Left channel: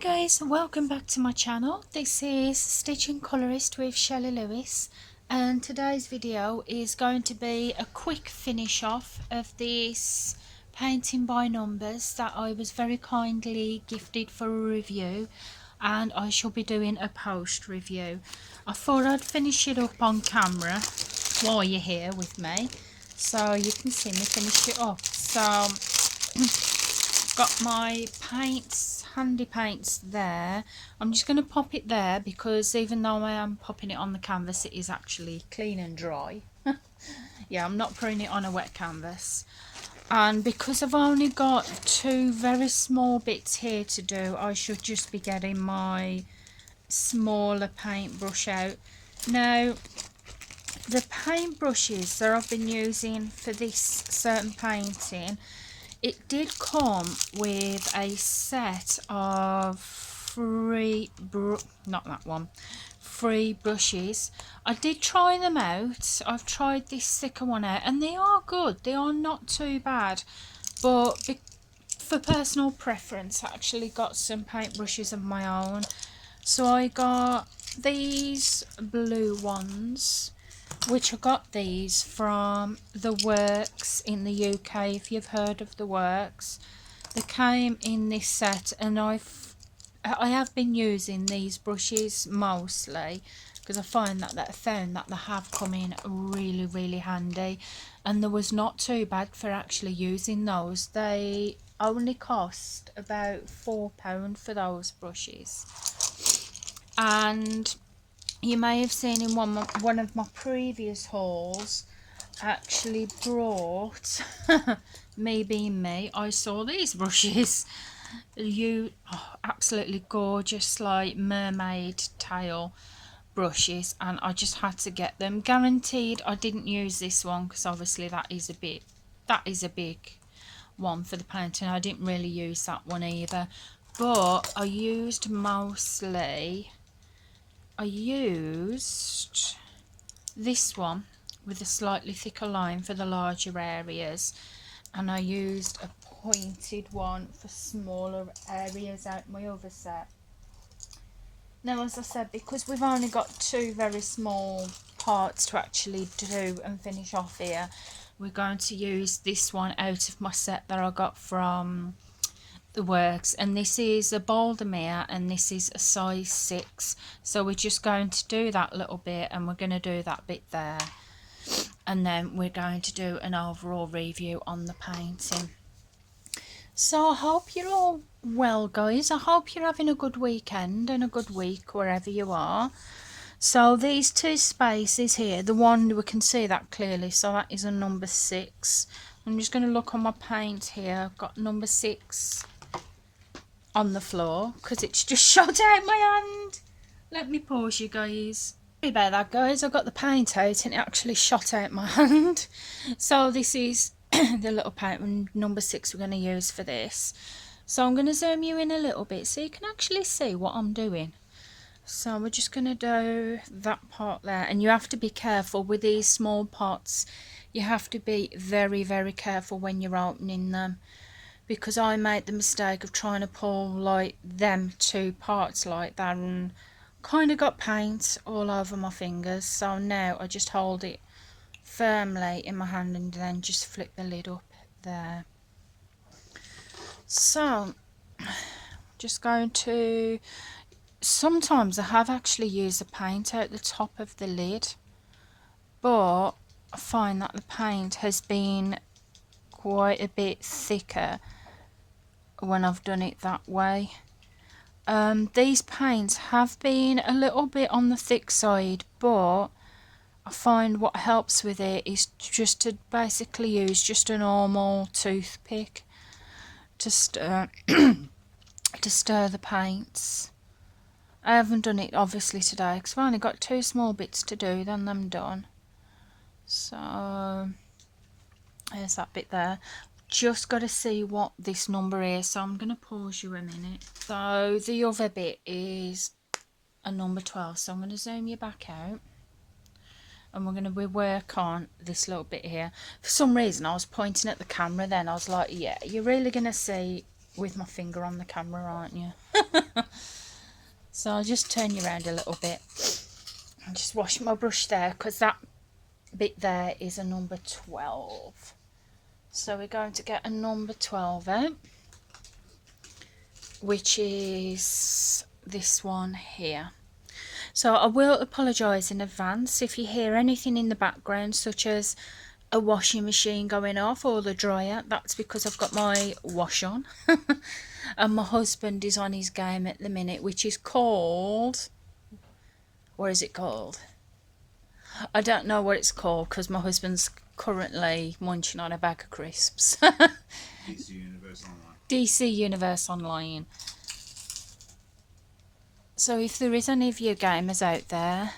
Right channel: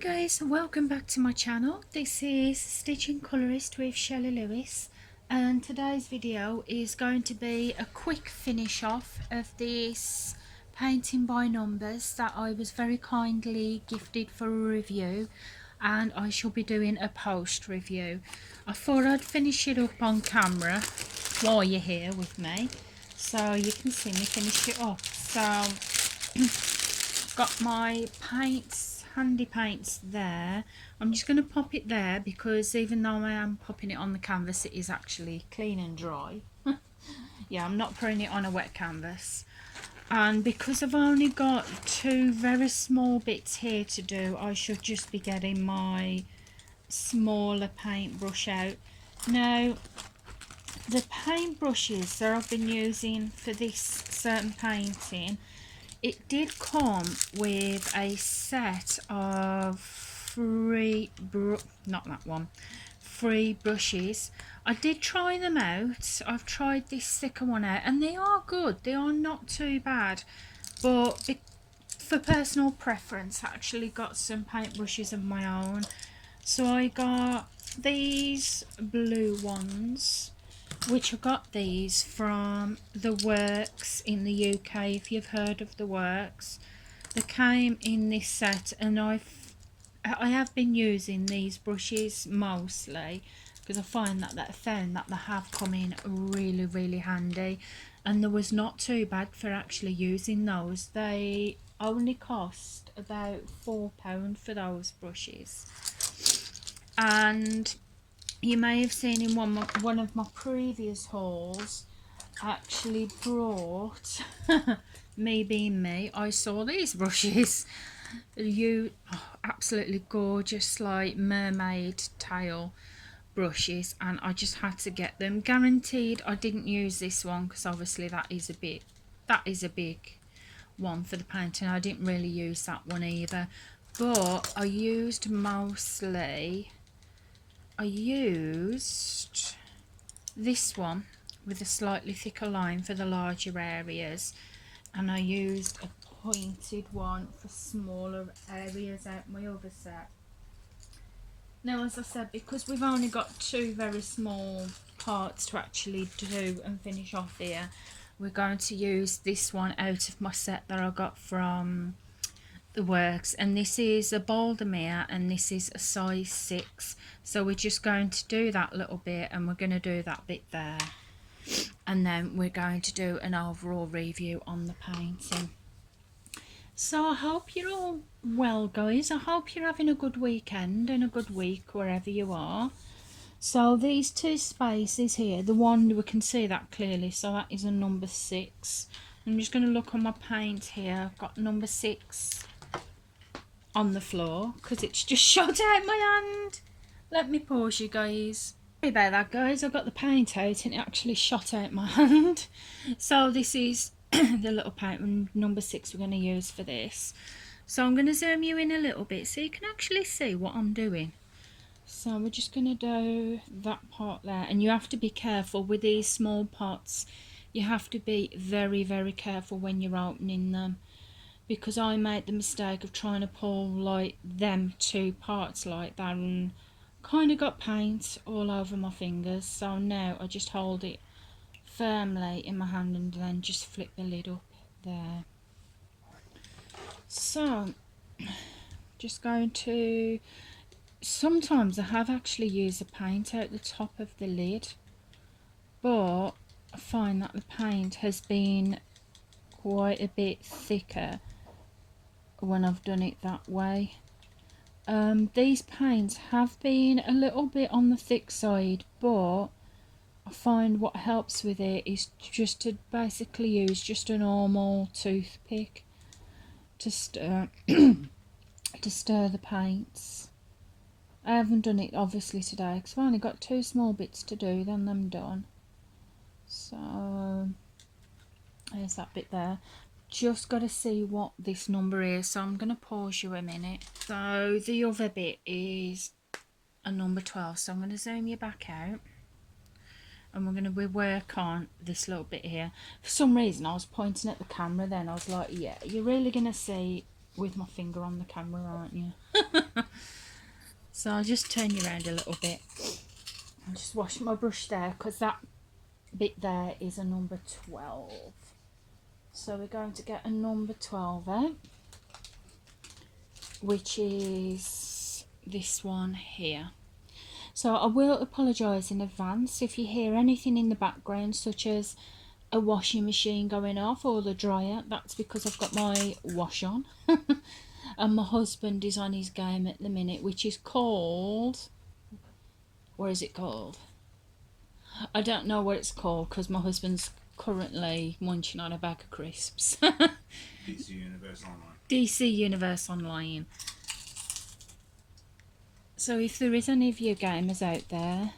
Guys, welcome back to my channel. This is Stitching Colourist with Shelley Lewis, and today's video is going to be a quick finish off of this painting by numbers that I was very kindly gifted for a review, and I shall be doing a post review. I thought I'd finish it up on camera while you're here with me so you can see me finish it off. So got my paints, handy paints there. I'm just going to pop it there because even though I am popping it on the canvas, it is actually clean and dry. Yeah, I'm not putting it on a wet canvas. And because I've only got two very small bits here to do, I should just be getting my smaller paintbrush out. Now, the paintbrushes that I've been using for this certain painting, it did come with a set of free brushes. I did try them out. I've tried this thicker one out and they are good. They are not too bad, but for personal preference, I actually got some paintbrushes of my own. So I got these blue ones, which I got these from The Works in the UK, if you've heard of The Works. They came in this set, and I have been using these brushes mostly because I found that they have come in really handy, and they was not too bad for actually using those. They only cost about £4 for those brushes. And you may have seen in one of my previous hauls, actually brought me being me, I saw these brushes. Absolutely gorgeous, like mermaid tail brushes, and I just had to get them. Guaranteed I didn't use this one because obviously that is a big one for the painting. I didn't really use that one either, but I used this one with a slightly thicker line for the larger areas, and I used a pointed one for smaller areas out my other set. Now, as I said, because we've only got two very small parts to actually do and finish off here, we're going to use this one out of my set that I got from The Works, and this is a Baldermere and this is a size 6. So we're just going to do that little bit, and we're going to do that bit there, and then we're going to do an overall review on the painting. So I hope you're all well, guys. I hope you're having a good weekend and a good week wherever you are. So these two spaces here, the one, we can see that clearly, so that is a number 6. I'm just going to look on my paint here. I've got number 6 on the floor because it's just shot out my hand. Let me pause you guys. Sorry about that, guys. I got the paint out and it actually shot out my hand. So this is the little paint number 6 we're going to use for this. So I'm going to zoom you in a little bit so you can actually see what I'm doing. So we're just going to do that part there, and you have to be careful with these small pots. You have to be very careful when you're opening them, because I made the mistake of trying to pull like them two parts like that and kind of got paint all over my fingers. So now I just hold it firmly in my hand and then just flip the lid up there. So just going to, sometimes I have actually used the paint out the top of the lid, but I find that the paint has been quite a bit thicker when I've done it that way. These paints have been a little bit on the thick side, but I find what helps with it is just to basically use just a normal toothpick to stir to stir the paints. I haven't done it obviously today because I've only got two small bits to do, then I'm done. So there's that bit there. Just got to see what this number is, so I'm going to pause you a minute. So the other bit is a number 12, so I'm going to zoom you back out, and we're going to work on this little bit here. For some reason I was pointing at the camera then, I was like, yeah, you're really going to see with my finger on the camera, aren't you? So I'll just turn you around a little bit. I'll just wash my brush there because that bit there is a number 12. So we're going to get a number 12 out, which is this one here. So I will apologise in advance if you hear anything in the background, such as a washing machine going off or the dryer. That's because I've got my wash on. And my husband is on his game at the minute, which is called... What is it called? I don't know what it's called because my husband's currently munching on a bag of crisps. DC Universe Online. DC Universe Online. So if there is any of you gamers out there,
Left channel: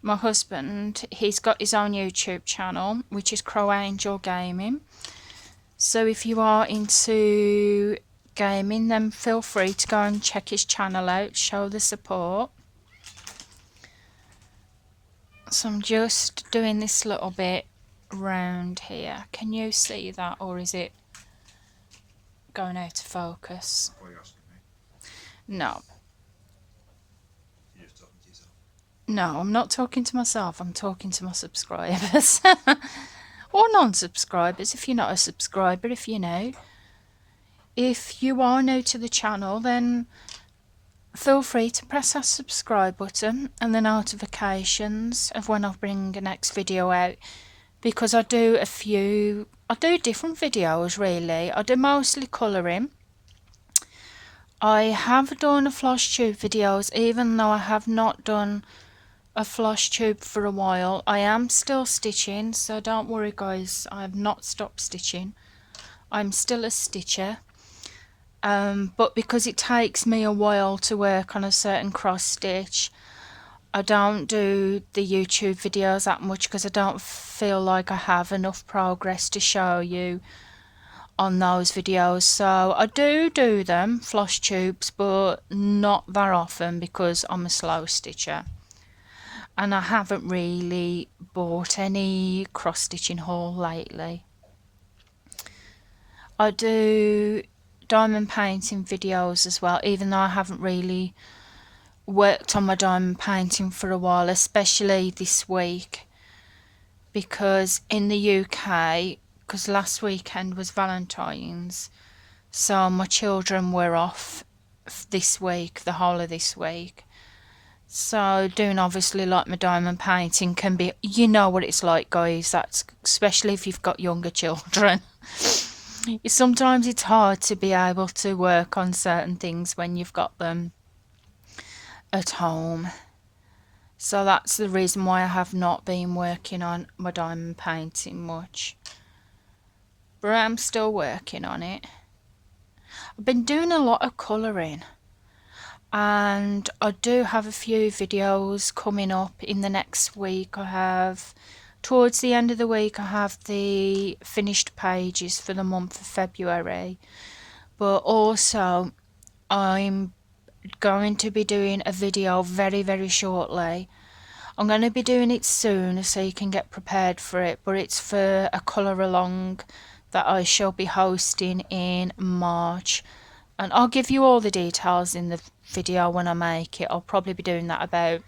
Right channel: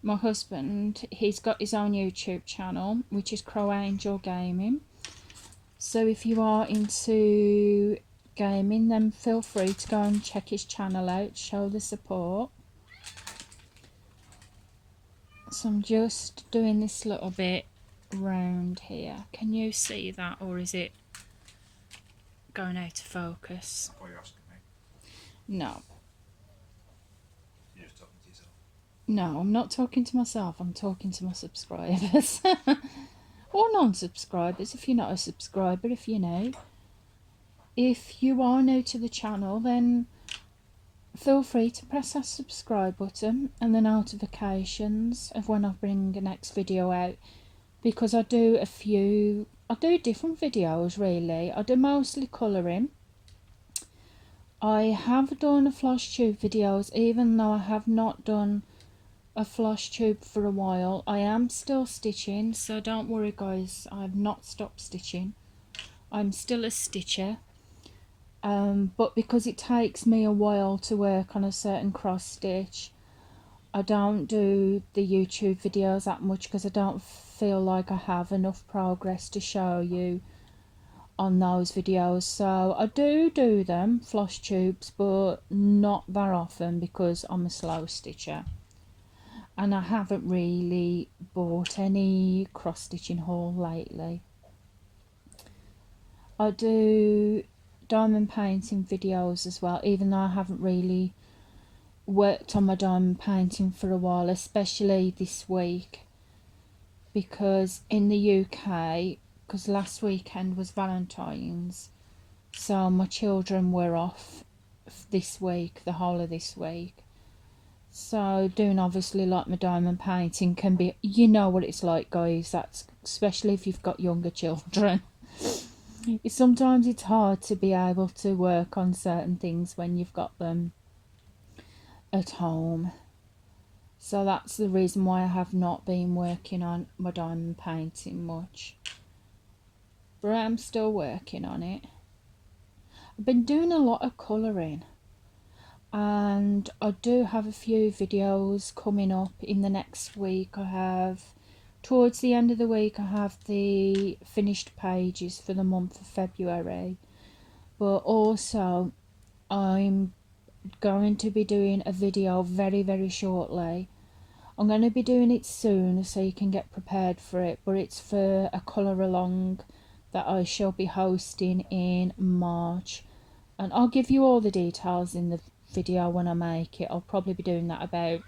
my husband, he's got his own YouTube channel, which is Crow Angel Gaming. So if you are into gaming, then feel free to go and check his channel out, show the support. So I'm just doing this little bit round here. Can you see that, or is it going out of focus? I thought you were asking me. No. You're just talking to yourself. No, I'm not talking to myself. I'm talking to my subscribers. Or non-subscribers, if you're not a subscriber, if you know. If you are new to the channel, then feel free to press that subscribe button and the notifications of when I bring the next video out, because I do different videos really. I do mostly colouring. I have done a floss tube videos, even though I have not done a floss tube for a while. I am still stitching, so don't worry guys, I have not stopped stitching. I'm still a stitcher. But because it takes me a while to work on a certain cross stitch, I don't do the YouTube videos that much because I don't feel like I have enough progress to show you on those videos. So I do them, floss tubes, but not that often because I'm a slow stitcher. And I haven't really bought any cross stitching haul lately. I do diamond painting videos as well, even though I haven't really worked on my diamond painting for a while, especially this week, because in the UK, because last weekend was Valentine's, so my children were off this week, the whole of this week. So doing obviously like my diamond painting can be, you know what it's like guys, that's especially if you've got younger children. Sometimes it's hard to be able to work on certain things when you've got them at home. So that's the reason why I have not been working on my diamond painting much. But I'm still working on it. I've been doing a lot of colouring. And I do have a few videos coming up in the next week. Towards the end of the week, I have the finished pages for the month of February. But also, I'm going to be doing a video very, very shortly. I'm going to be doing it soon so you can get prepared for it. But it's for a colour along that I shall be hosting in March. And I'll give you all the details in the video when I make it. I'll probably be doing that about...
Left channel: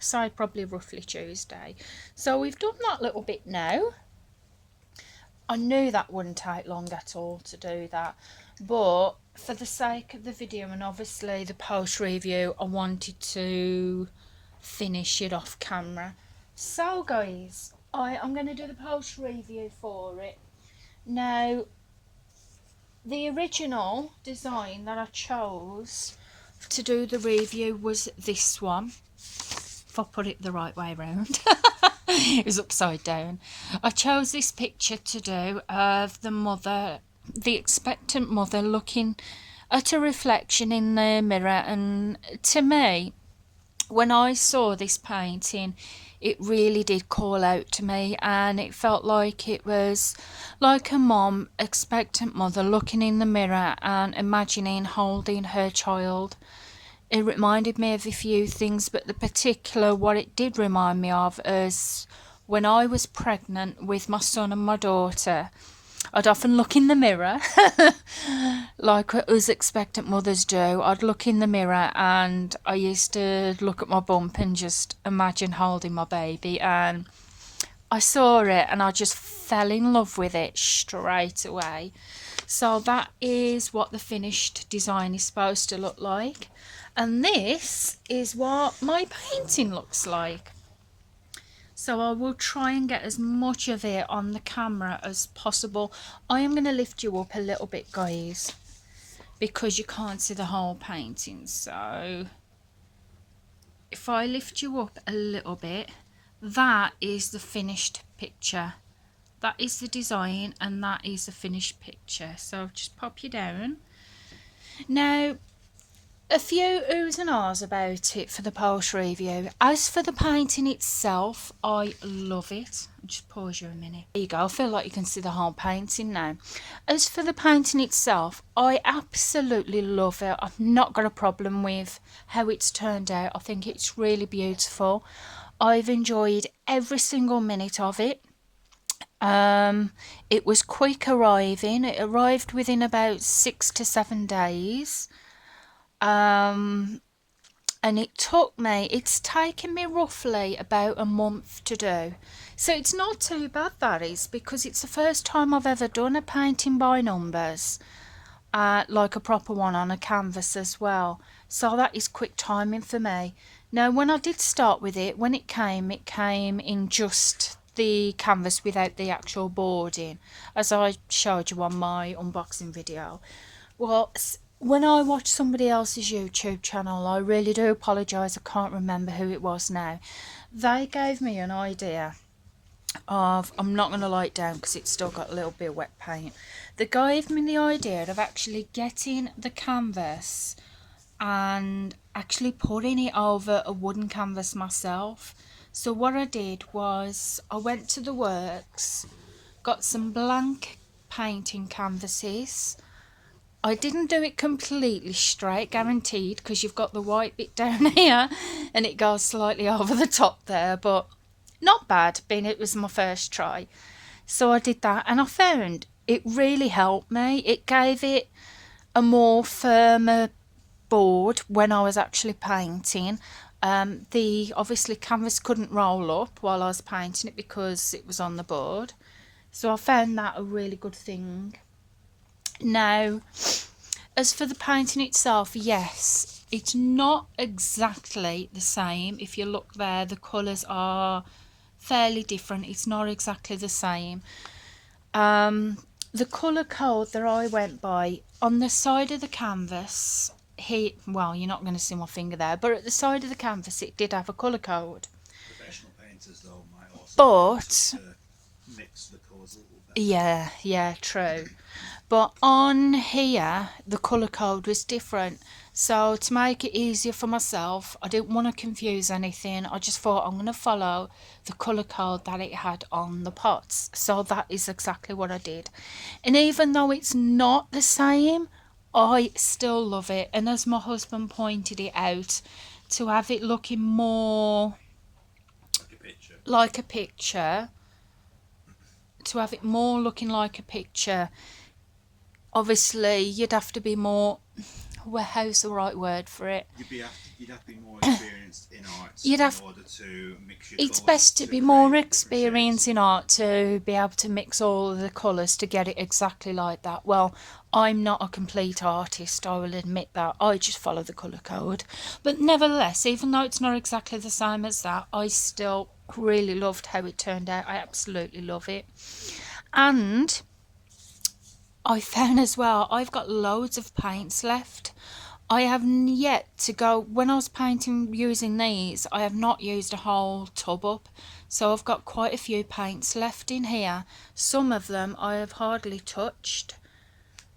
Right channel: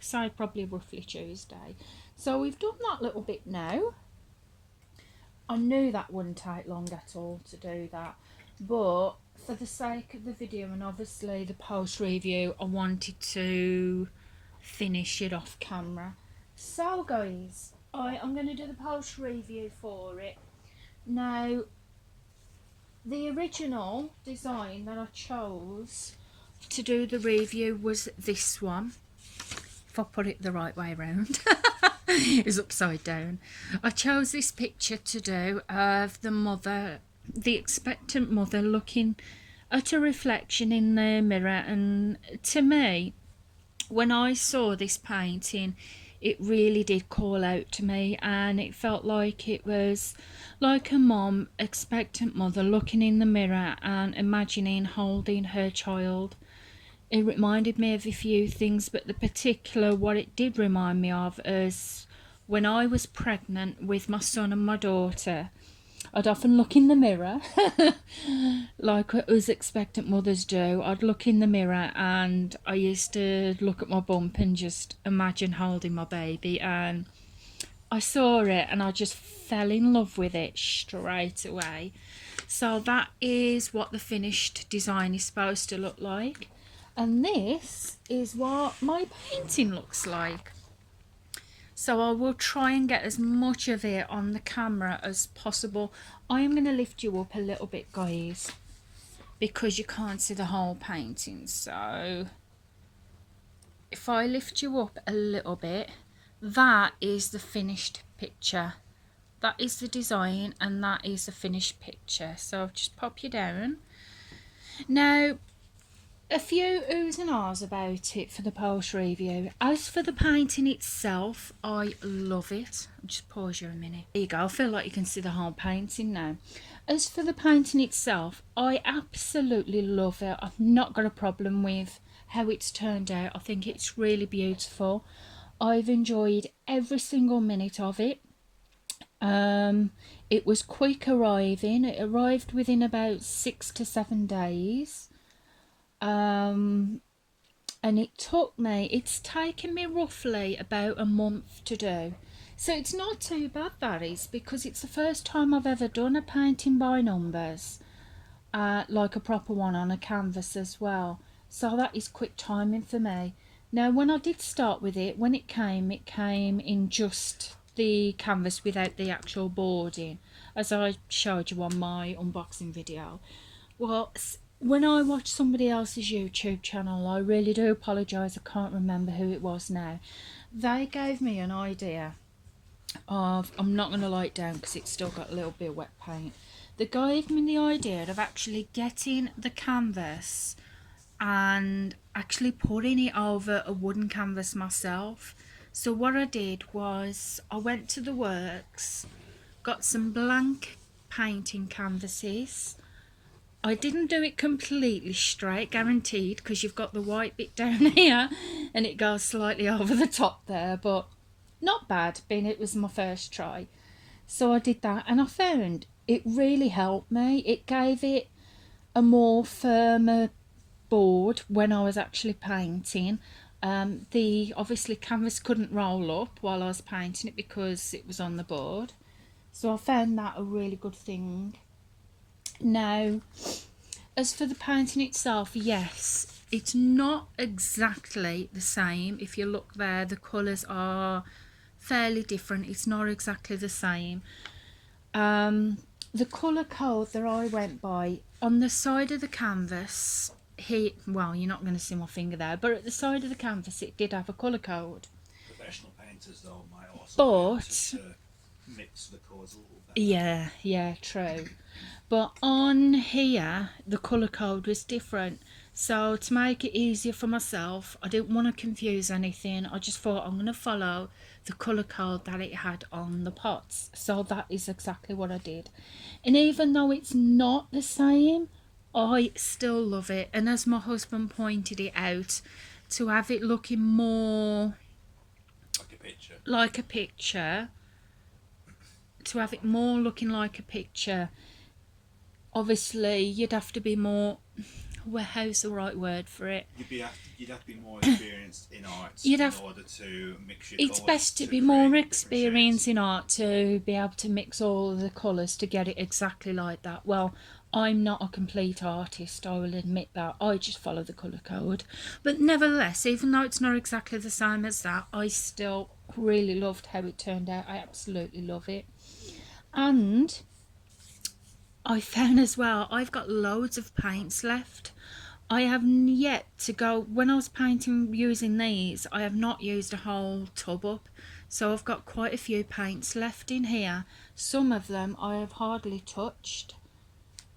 So probably roughly Tuesday. So we've done that little bit now. I knew that wouldn't take long at all to do that, but for the sake of the video and obviously the post review, I wanted to finish it off camera. So guys, I'm going to do the post review for it. Now, the original design that I chose to do the review was this one. If I put it the right way around. It was upside down. I chose this picture to do of the mother, the expectant mother, looking at a reflection in the mirror. And to me, when I saw this painting, it really did call out to me, and it felt like it was like a mom, expectant mother, looking in the mirror and imagining holding her child. It reminded me of a few things, but the particular what it did remind me of is when I was pregnant with my son and my daughter. I'd often look in the mirror, like us expectant mothers do. I'd look in the mirror and I used to look at my bump and just imagine holding my baby, and I saw it and I just fell in love with it straight away. So that is what the finished design is supposed to look like. And this is what my painting looks like. So I will try and get as much of it on the camera as possible. I am going to lift you up a little bit, guys, because you can't see the whole painting. So if I lift you up a little bit, that is the finished picture. That is the design and that is the finished picture. So I'll just pop you down. Now, a few oohs and ahs about it for the post review. As for the painting itself, I love it. I'll just pause you a minute. There you go. I feel like you can see the whole painting now. As for the painting itself, I absolutely love it. I've not got a problem with how it's turned out. I think it's really beautiful. I've enjoyed every single minute of it. It was quick arriving. It arrived within about 6 to 7 days. And it's taken me roughly about a month to do. So it's not too bad, that is, because it's the first time I've ever done a painting by numbers, like a proper one on a canvas as well. So that is quick timing for me. Now, when I did start with it, when it came in just the canvas without the actual boarding, as I showed you on my unboxing video. Well, when I watch somebody else's YouTube channel, I really do apologise, I can't remember who it was now. They gave me an idea of, I'm not going to lie it down because it's still got a little bit of wet paint. They gave me the idea of actually getting the canvas and actually putting it over a wooden canvas myself. So what I did was I went to the works, got some blank painting canvases. I didn't do it completely straight, guaranteed, because you've got the white bit down here and it goes slightly over the top there, but not bad, being it was my first try. So I did that and I found it really helped me. It gave it a more firmer board when I was actually painting. The obviously canvas couldn't roll up while I was painting it because it was on the board. So I found that a really good thing. Now, as for the painting itself, yes, it's not exactly the same. If you look there, the colours are fairly different. It's not exactly the same. The colour code that I went by, on the side of the canvas, well, you're not going to see my finger there, but at the side of the canvas it did have a colour code. Professional painters, though, might also mix the colours a little bit. Yeah, true. But on here, the colour code was different. So to make it easier for myself, I didn't want to confuse anything. I just thought I'm going to follow the colour code that it had on the pots. So that is exactly what I did. And even though it's not the same, I still love it. And as my husband pointed it out, to have it looking more like a picture, to have it more looking like a picture, obviously you'd have to be more, well, how's the right word for it? You'd have to be more experienced in art in order to mix your It's colours best to be more experienced in art to be able to mix all of the colours to get it exactly like that. Well, I'm not a complete artist, I will admit that. I just follow the colour code. But nevertheless, even though it's not exactly the same as that, I still really loved how it turned out. I absolutely love it. And I found as well, I've got loads of paints left. I have yet to go, when I was painting using these, I have not used a whole tub up. So I've got quite a few paints left in here. Some of them I have hardly touched.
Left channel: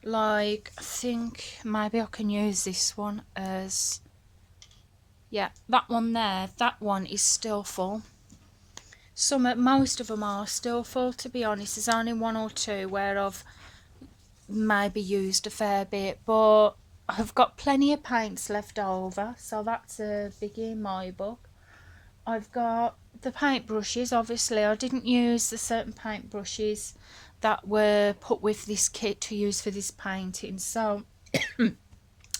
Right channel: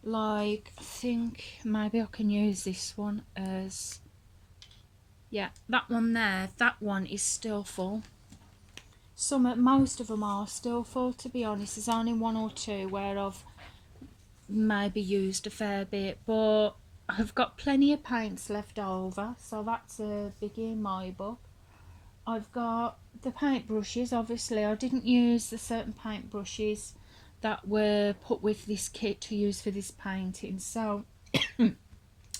Like, I think maybe I can use this one as, yeah, that one there, that one is still full. Most of them are still full, to be honest. There's only one or two where I've maybe used a fair bit, but I've got plenty of paints left over, so that's a biggie in my book. I've got the paint brushes. Obviously I didn't use the certain paint brushes that were put with this kit to use for this painting. So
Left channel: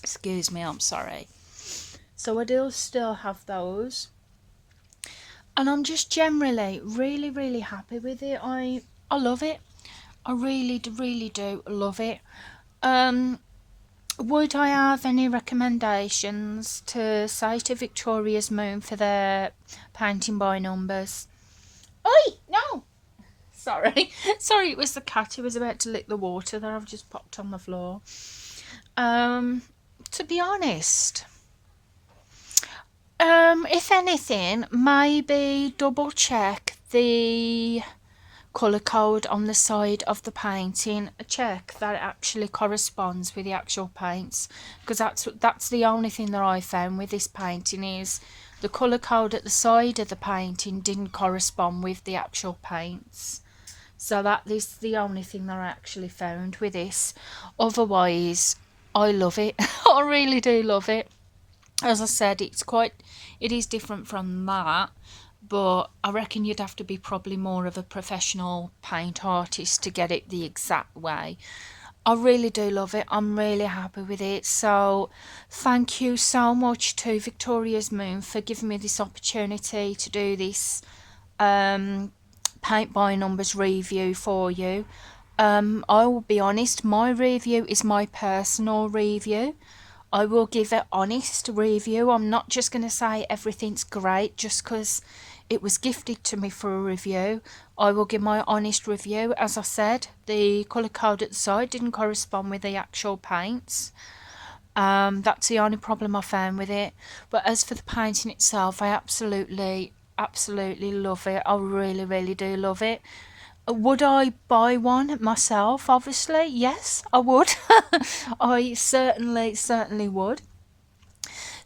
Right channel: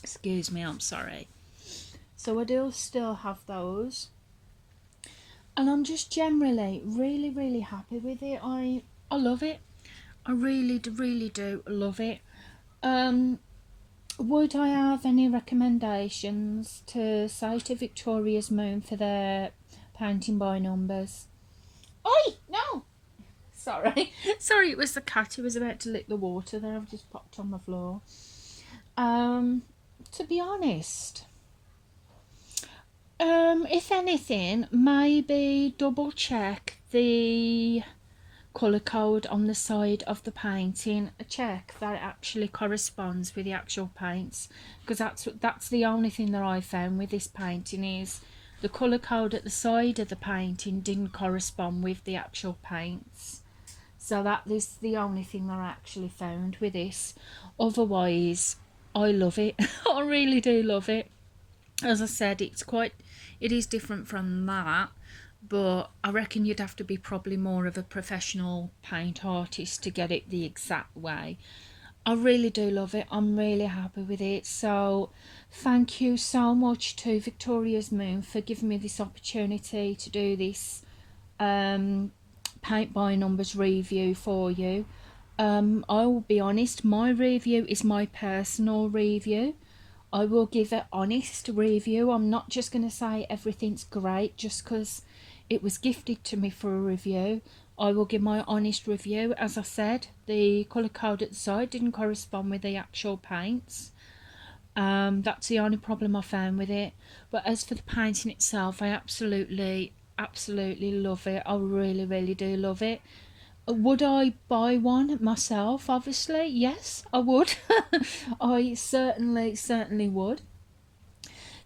excuse me, I'm sorry. So I do still have those, and I'm just generally really happy with it. I love it. I really do love it. Would I have any recommendations to say to Victoria's Moon for their painting by numbers? Oi, no! Sorry. Sorry, it was the cat who was about to lick the water that I've just popped on the floor. To be honest, if anything, maybe double check the colour code on the side of the painting. Check that it actually corresponds with the actual paints, because that's the only thing that I found with this painting, is the colour code at the side of the painting didn't correspond with the actual paints. So that is the only thing that I actually found with this. Otherwise, I love it. I really do love it. As I said, it is different from that, but I reckon you'd have to be probably more of a professional paint artist to get it the exact way. I really do love it. I'm really happy with it. So thank you so much to Victoria's Moon for giving me this opportunity to do this paint by numbers review for you. I will be honest, my review is my personal review. I will give an honest review. I'm not just going to say everything's great just because it was gifted to me for a review. I will give my honest review. As I said, the colour code at the side didn't correspond with the actual paints. That's the only problem I found with it. But as for the painting itself, I absolutely love it. I really do love it. Would I buy one myself? Obviously, yes, I would. I certainly would.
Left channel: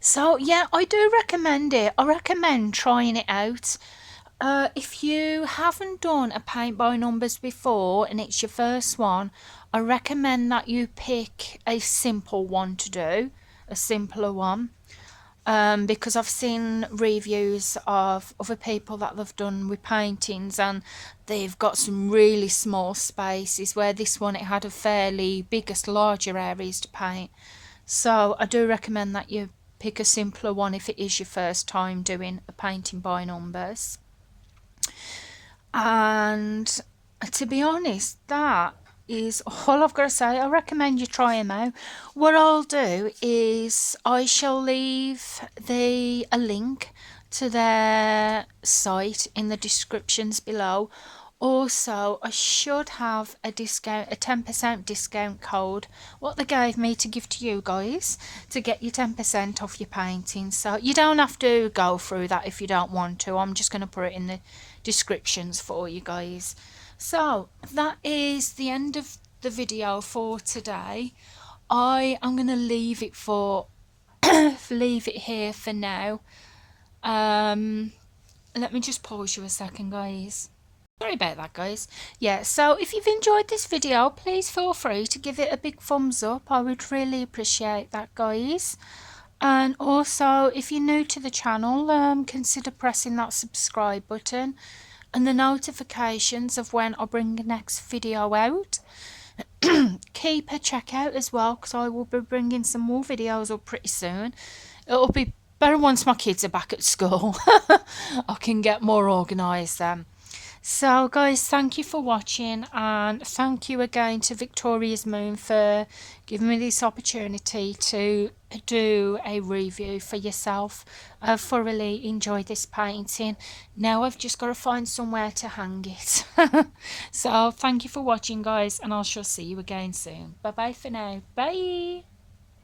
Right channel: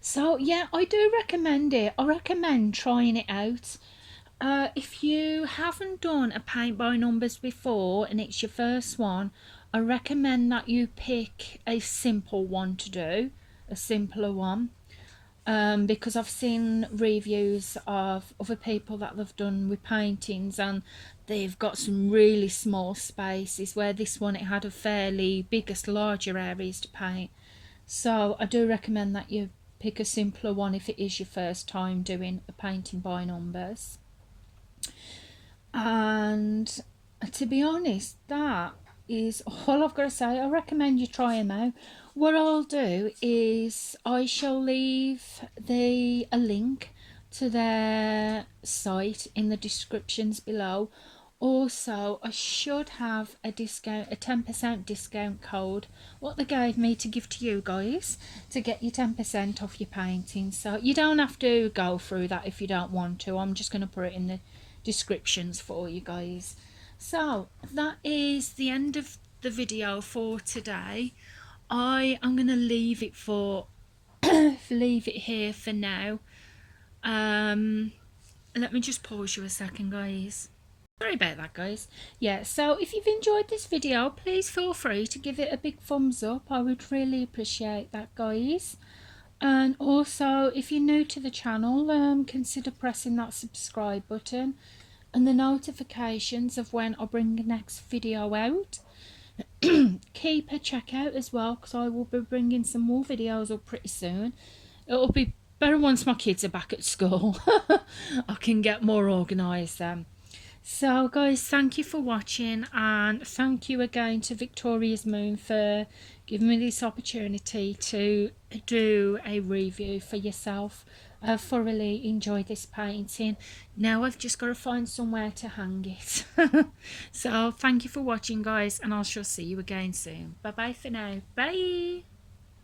So yeah, I do recommend it. I recommend trying it out. If you haven't done a paint by numbers before and it's your first one, I recommend that you pick a simple one to do, a simpler one. Because I've seen reviews of other people that they've done with paintings, and they've got some really small spaces, where this one, it had a fairly larger areas to paint. So I do recommend that you pick a simpler one if it is your first time doing a painting by numbers. And to be honest, that is all I've got to say. I recommend you try them out. What I'll do is I shall leave a link to their site in the descriptions below. Also, I should have a 10% discount code, what they gave me to give to you guys, to get you 10% off your painting. So you don't have to go through that if you don't want to. I'm just going to put it in the descriptions for you guys. So that is the end of the video for today. I am going to leave it here for now. Let me just pause you a second, guys. Sorry about that, guys. Yeah, so if you've enjoyed this video, please feel free to give it a big thumbs up. I would really appreciate that, guys. And also, if you're new to the channel, consider pressing that subscribe button and the notifications of when I bring the next video out. Keep a check out as well, because I will be bringing some more videos up pretty soon. It'll be better once my kids are back at school. I can get more organised then. So guys, thank you for watching, and thank you again to Victoria's Moon for giving me this opportunity to do a review for yourself. I've thoroughly enjoyed this painting. Now I've just got to find somewhere to hang it. So thank you for watching, guys, and I shall see you again soon. Bye bye for now. Bye.